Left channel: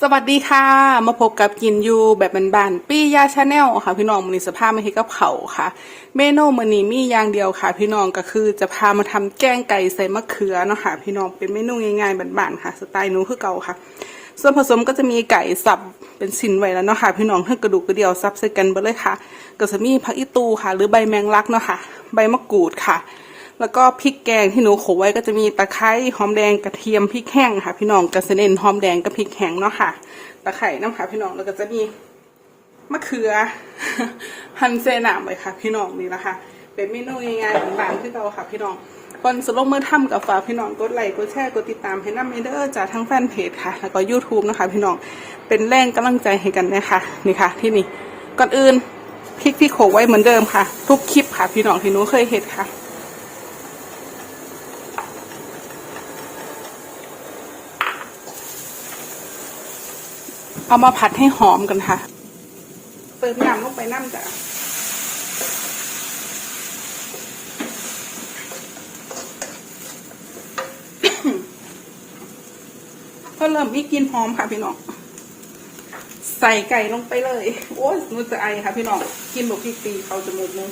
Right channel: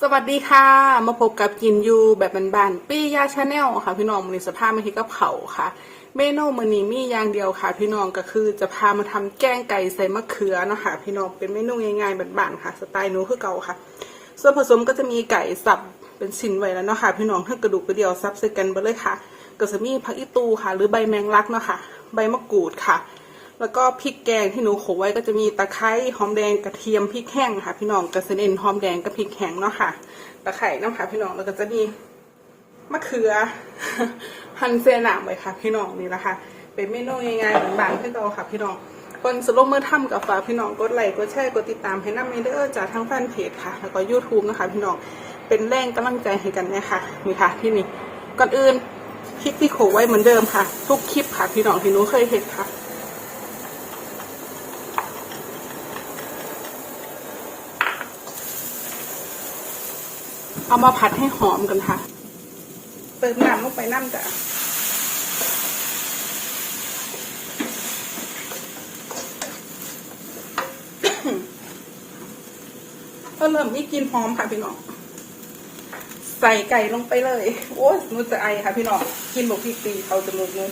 สวัสดีค่ะ มาพบกับกินยูแบบบานๆปี้ยาชาแนลค่ะ พี่น้องมันนี้สภาพไม่ให้กับเขาค่ะ เมนูมันนี้มีอย่างเดียวค่ะ พี่น้องก็คือจะพามาทำแกงไก่ใส่มะเขือเนาะค่ะพี่น้องเป็นเมนูง่ายๆบานๆค่ะ สไตล์หนูคือเก่าค่ะ ส่วนผสมก็จะมีไก่สับเป็นสินไว้แล้วเนาะค่ะ พี่น้องให้กระดูกกระเดียวซับใส่กันไปเลยค่ะก็จะมีผักอีตูค่ะ หรือใบแมงลักเนาะค่ะ ใบมะกรูดค่ะ แล้วก็พริกแกงที่หนูโขลกไว้ก็จะมีตะไคร้หอมแดงกระเทียมพริกแห้งค่ะ พี่น้องกระเซ็นหอมแดงกับพริกแห้งเนาะค่ะ ตะไคร้น้ำค่ะพี่น้องแล้วก็จะมีมะเขือหั่นเซนามไว้ค่ะ พี่น้องนี่ละค่ะ เป็นเมนูง่ายๆบางๆที่เราค่ะ พี่น้องคนสลงมือทำกับฝาพี่น้องกดไลค์กดแชร์กดติดตามให้น้ำนี้เด้อจากทั้งแฟนเพจค่ะ แล้วก็ YouTube นะคะ พี่น้องเป็นแรงกำลังใจให้กันนะคะนี่ค่ะ ที่นี่ก่อนอื่นพริกที่โขลกไว้เหมือนเดิมค่ะ ทุกคลิปค่ะ พี่น้องที่หนูเคยเห็นค่ะ เอามาผัดให้หอมกันค่ะ เติมน้ำลงไปน้ำจ้ะก็เริ่มมีกลินหอมค่ะพี่น้อง ใส่ไก่ลงไปเลย โอ้ยมันจะไอค่ะพี่น้อง กินหมกพริกตีเขาจมูกเลย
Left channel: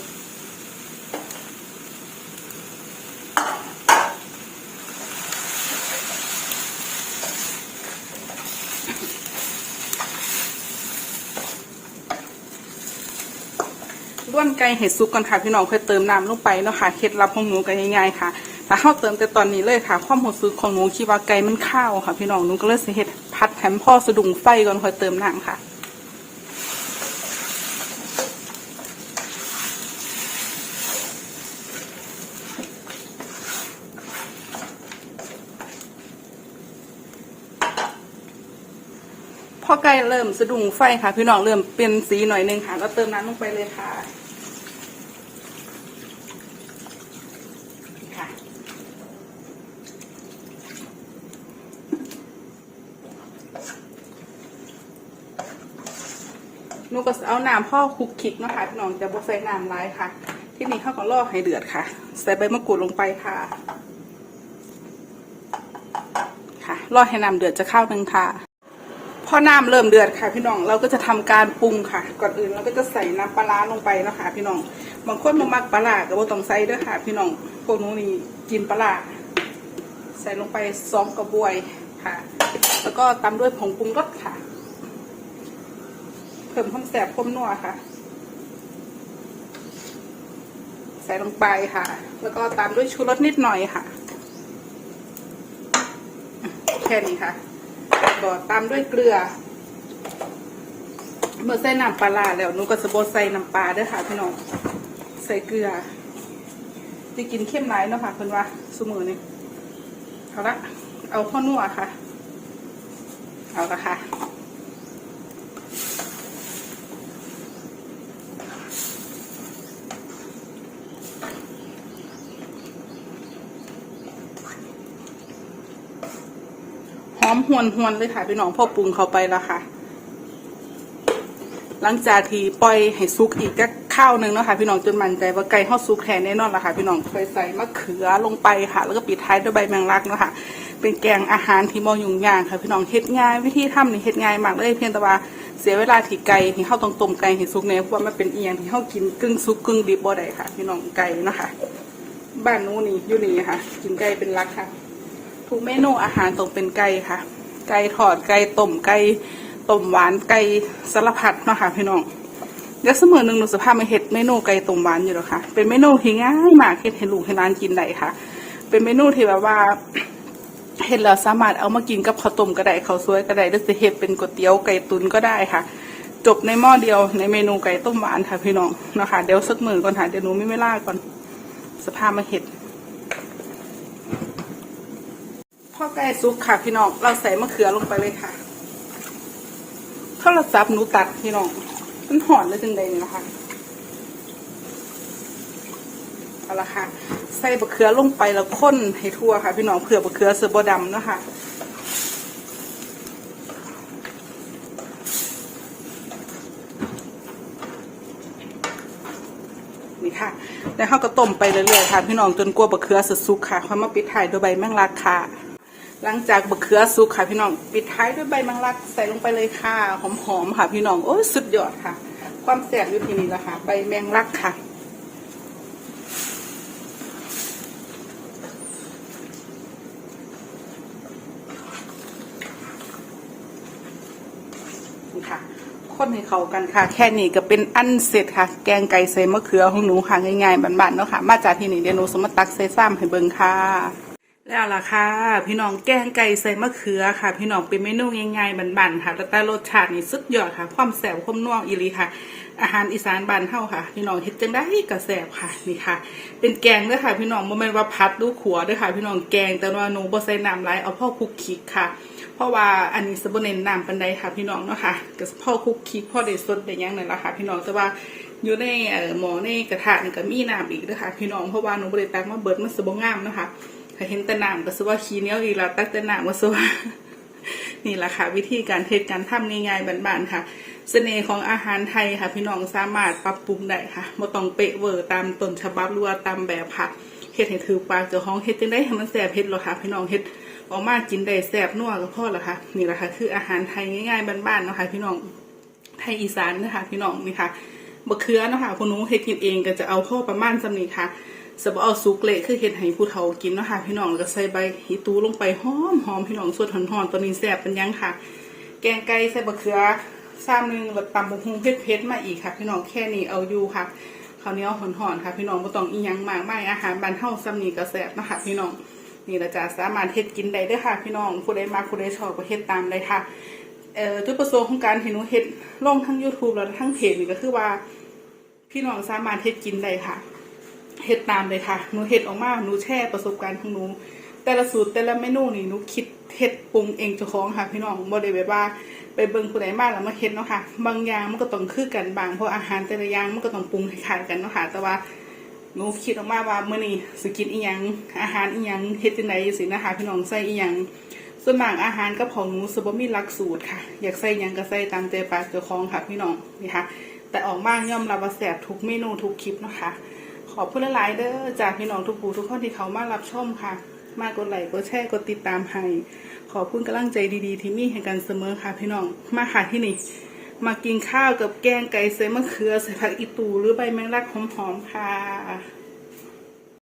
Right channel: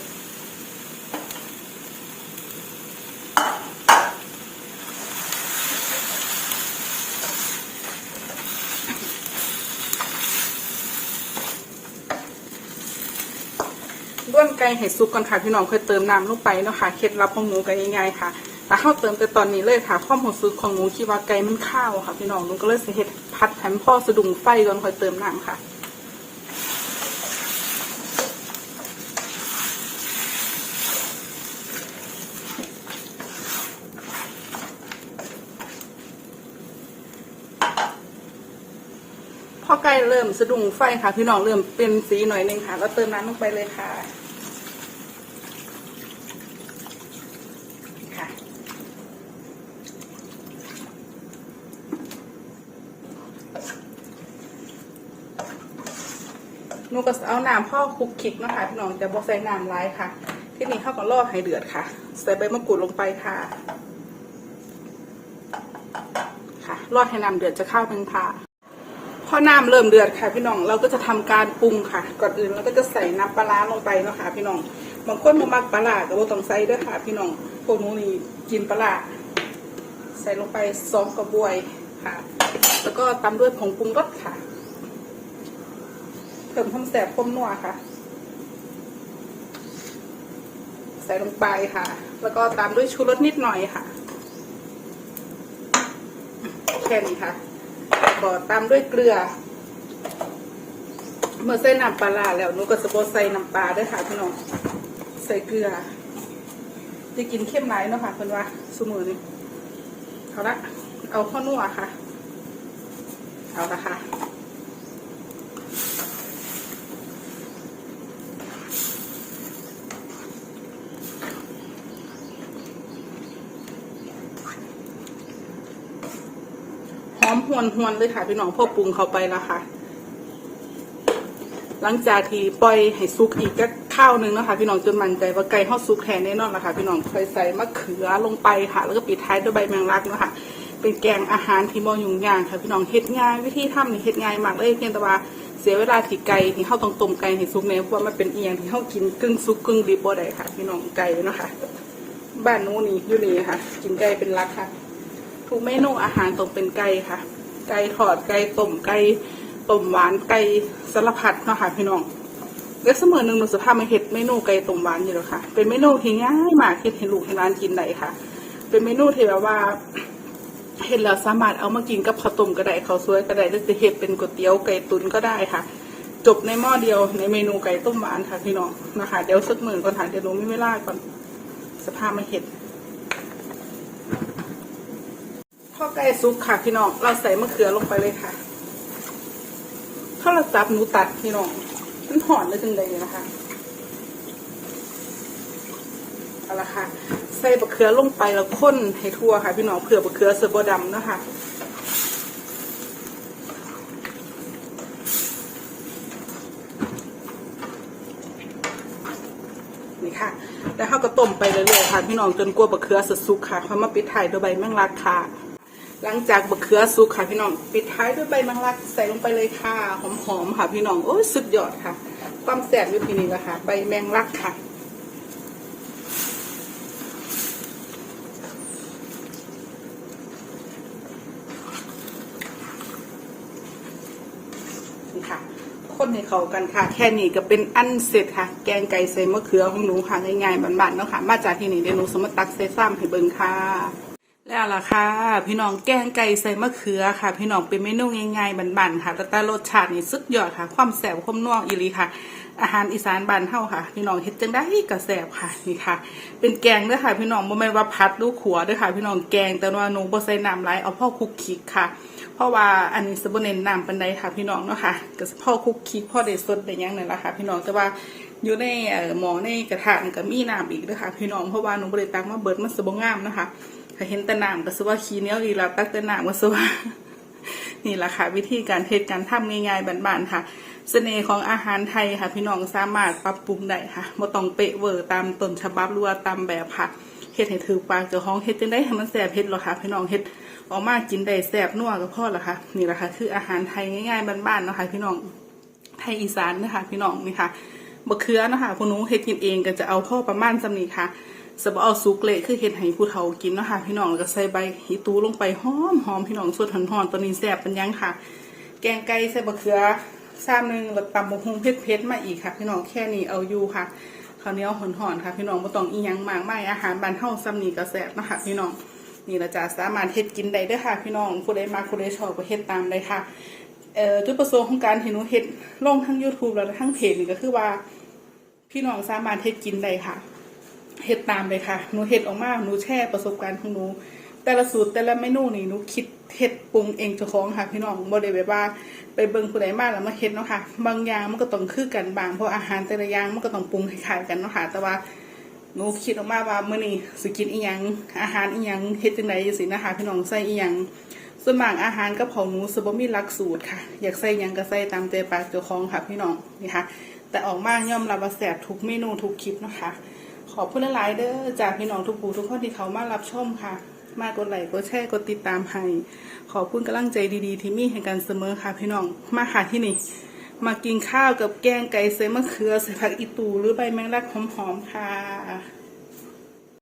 วนไก่เห็ดซุปกันค่ะพี่น้องเพื่อเติมน้ำลงไปเนาะค่ะเคล็ดลับของหนูกันง่ายๆค่ะแต่เข้าเติมแต่ตอนนี้เลยค่ะ ข้อมูลซุปของหนูคิดว่าไก่มันข้าวค่ะ พี่น้องหนูก็เลยสิเห็ดพัดแถมพ่อสะดุ้งไฟก่อนค่อยเติมน้ำค่ะพอไก่เริ่มสะดุ้งไฟค่ะ พี่น้องเริ่มเป็นสีหน่อยนึงค่ะ ก็เติมน้ำลงไปเลยค่ะค่ะ หนูก็เอาน้ำพ่อคลุกคลิกนะคะพี่น้องแต่บ่ใส่น้ำร้ายค่ะ ที่นี่เข้าก็รอให้เดือดค่ะ ใส่ใบมะกรูดลงไปค่ะ ค่ะรอให้น้ำเดือดจะเข้าวหนึ่งค่ะ พอน้ำเริ่มเดือดค่ะพี่น้อง เราก็จะทำการปรุงค่ะ ก่อนอื่นเราก็จะใส่น้ำปลาร้าลงไปนะคะพี่น้อง บางคนบางมักปลาแต่ว่าต้องใส่ด้วยค่ะ พี่น้องพวกนู้นนี่กินปลาร้าใส่ลงไปสองกระบวยค่ะ แล้วก็ตามด้วยผงปรุงรสค่ะเพิ่มความแสบความนัวค่ะ ใส่ลงไปค่ะ แล้วก็ตามด้วยชูรสนิดหน่อยค่ะ แค่นี้ค่ะ ก็ตามด้วยเกลือ เมื่อใส่น้ำปลาแล้วหนูก็จะโบใส่น้ำปลาด้วยค่ะพี่น้องใส่เกลือจะกินเข้มไหมเนาะค่ะคนว่าสมือนี่เอาละเอาข้าวนัวค่ะ เอาละค่ะ อมหวนหวนเลยค่ะพี่น้องพ่อปรุงเข้าไปแล้วค่ะหลังจากที่ปล่อยให้ซุกอีกก็ข้าวหนึ่งนะคะพี่น้องจนมันใจว่าไก่ทอดซุกแทนแน่นอนนะคะพี่น้องค่ใส่มะเขือลงไปค่ะ แล้วก็ปิดท้ายด้วยใบแมงลักนะคะเป็นแกงอาหารที่มอยุ่งยากค่ะพี่น้องเฮ็ดง่าย วิธีทำนี่เฮ็ดง่ายมากเลยเพียงแต่ว่าเสียเวลาที่ไก่ที่เข้าตรงต้มไก่ให้ซุกเนี่ยเพราะว่ามันเป็นเอียงที่เข้ากินกึ่งซุกกึ่งดิบบ่ได้ค่ะ พี่น้องไก่นะคะบ้านนู้นี่อยู่นี่ค่ะกินไก่เป็นหลักค่ะ ทุกเมนูอาหารต้องเป็นไก่ค่ะ ไก่ทอดไก่ต้มไก่ต้มหวานไก่สารพัดนะคะพี่น้องเดี๋ยวเสมอหนึ่งหนูสภาพมาเห็ดเมนูไก่ต้มหวานอยู่แล้วค่ะ เป็นเมนูที่ง่ายมากเห็ดให้ลูกให้ร้านกินได้ค่ะ เป็นเมนูที่แบบว่าเห็ดแล้วสามารถเอามากินกับข้าวต้มก็ได้ข้าวสวยก็ได้หรือจะเห็ดเป็นก๋วยเตี๋ยวไก่ตุ๋นก็ได้ค่ะ จบในหม้อเดียวในเมนูไก่ต้มหวานค่ะพี่น้องนะคะเดี๋ยวสักมือก่อนค่ะเดี๋ยวหนูไม่เวลาก่อนสภาพมาเห็ด พอไก่สุกค่ะพี่น้อง เราใส่มะเขือลงไปเลยค่ะข้าวสับหนูตัดพี่น้องมันหอนเลยจังเลยนะคะเอาละค่ะ ใส่มะเขือลงไปแล้วข้นให้ทั่วค่ะ พี่น้องเขือมะเขือเสือบดำนะคะนี่ค่ะแล้วเขาก็ต้มไปเรื่อยๆค่ะ พี่น้องจนกลัวบะเขือสุดสุกค่ะเขามาปิดท้ายด้วยใบแมงลักค่ะ หลังจากบะเขือสุกค่ะพี่น้องปิดท้ายด้วยใบมังลักใส่ลงไปเลยค่ะหอมๆค่ะพี่น้องโอ้ยสุดยอดค่ะ ความแซ่บอยู่ที่นี่ละค่ะใบแมงลักค่ะนี่ค่ะคนให้เข้ากันค่ะ แค่นี้ก็เป็นอันเสร็จค่ะ แกงไก่ใส่มะเขือของหนูค่ะง่ายๆบ้านๆเนาะค่ะ มาจากที่นี่เดี๋ยวหนูสมตักใส่ซ้ำให้เบิ่งค่ะ แล้วล่ะค่ะ พี่น้องแกงไก่ใส่มะเขือค่ะ พี่น้องเป็นเมนูง่ายๆบ้านๆค่ะแต่แต่รสชาตินี่สุดยอดค่ะ ความแซ่บความนัวอีลีค่ะ อาหารอีสานบ้านเฮาค่ะ พี่น้องเฮ็ดจังได้ก็แซ่บค่ะนี่ค่ะ เป็นแกงเด้อค่ะ พี่น้องบ่แม่นว่าพัดหรือขัวเด้อค่ะ พี่น้องแกงแต่ว่าหนูบ่ใส่น้ำหลายเอาพ่อคุกคิกค่ะ เพราะว่าอันนี้สบเน้นน้ำปันใดค่ะ พี่น้องเนาะค่ะก็พ่อคุกคิกพ่อได้สดได้ยังนั่นแหละค่ะ พี่น้องแต่ว่าอยู่ในเอ่อหม้อในกระทะนี่ก็มีน้ำอีกเด้อค่ะ พี่น้องเพราะว่าหนูบ่ได้ตักมาเบิดมันสบ่งามเนาะค่ะ ถ้าเห็นแต่น้ำก็สว่าขี้เนียวอีล้วตักต่น้ำก็สว่านี่แหละค่ะ วิธีการเทศการทำง่ายๆบ้านๆค่ะเสน่ห์ของอาหารไทยค่ะ พี่น้องสามารถปรับปรุงได้ค่ะบ่ต้องเปะเวอร์ตามต้นฉบับหรือว่าตามแบบค่ะเฮ็ดให้ถือปากเจ้าของเฮ็ดจังได้ให้มันแซ่บเฮ็ดหรอค่ะ พี่น้องเฮ็ดออกมากินได้แซ่บนัวก็พอและค่ะนี่แหละค่ะ คืออาหารไทยง่ายๆบ้านๆเนาะค่ะ พี่น้องไทยอีสานนะคะพี่น้องนี่ค่ะบะเขือเนาะค่ะพวกหนูเฮ็ดกินเองก็จะเอาพ่อประมาณสำนีค่ะ สบเอาสุกเละคือเฮ็ดให้ผู้เฒ่ากินเนาะค่ะพี่น้องแล้วก็ใส่ใบหีตูลงไปหอมหอมพี่น้องสดหอนๆตัวนี้แซ่บเป็นยังค่ะ แกงไก่ใส่บะเขือซ้ำหนึ่งแล้วตำบะฮุงเผ็ดๆมาอีกค่ะ พี่น้องแค่นี้เอาอยู่ค่ะข้าวเหนียวหอนๆค่ะ พี่น้องบ่ต้องอีหยังมากไมายอาหารบ้านเฮาซ้ำนี้ก็แซ่บนะคะพี่น้องนี่ละจ้ะสามารถเฮ็ดกินได้ด้อค่ะ พี่น้องผู้ใดมักผู้ใดชอบก็เฮ็ดตามเลยค่ะเอ่อจุดประสงค์ของการที่หนูเฮ็ดลงทั้ง YouTube แล้วทั้งเพจนี่ก็คือว่า พี่น้องสามารถเฮ็ดกินได้ค่ะ เฮ็ดตามเลยค่ะหนูเฮ็ดออกมาหนูแชร์ประสบการณ์ของหนู แต่ละสูตรแต่ละเมนูนี่หนูคิดเฮ็ดปรุงเองเจ้าของค่ะพี่น้องบ่ได้แบบว่า ไปเบิ่งผู้ใดมาแล้วมาเฮ็ดเนาะค่ะ บางอย่างมันก็ต้องคือกันบางเพราะอาหารแต่ละอย่างมันก็ต้องปรุงคล้ายๆกันเนาะค่ะ แต่ว่าหนูคิดออกมาว่าเมื้อนี้สิกินอีหยังอาหารอีหยังเฮ็ดจังไดจังซี่นะคะพี่น้องใส่อีหยังส่วนมากอาหารกับของหนูสบ่มีหลักสูตรค่ะ อยากใส่หยังก็ใส่ตามใจปากเจ้าของค่ะพี่น้องนี่ค่ะ แต่ออกมาย่อมรับว่าแซ่บทุกเมนูทุกคลิปเนาะคะ ขอบคุณหลายๆเด้อจากพี่น้องทุกผู้ทุกคนที่เขามารับชมค่ะ มากดไลค์กดแชร์กดติดตามให้ ขอบคุณกำลังใจดีๆ ที่มีให้กันเสมอค่ะพี่น้องมาค่ะที่นี่ มากินข้าวกับแกงไก่ใส่มะเขือใส่ผักอีตูหรือใบแมงลักหอมๆค่ะ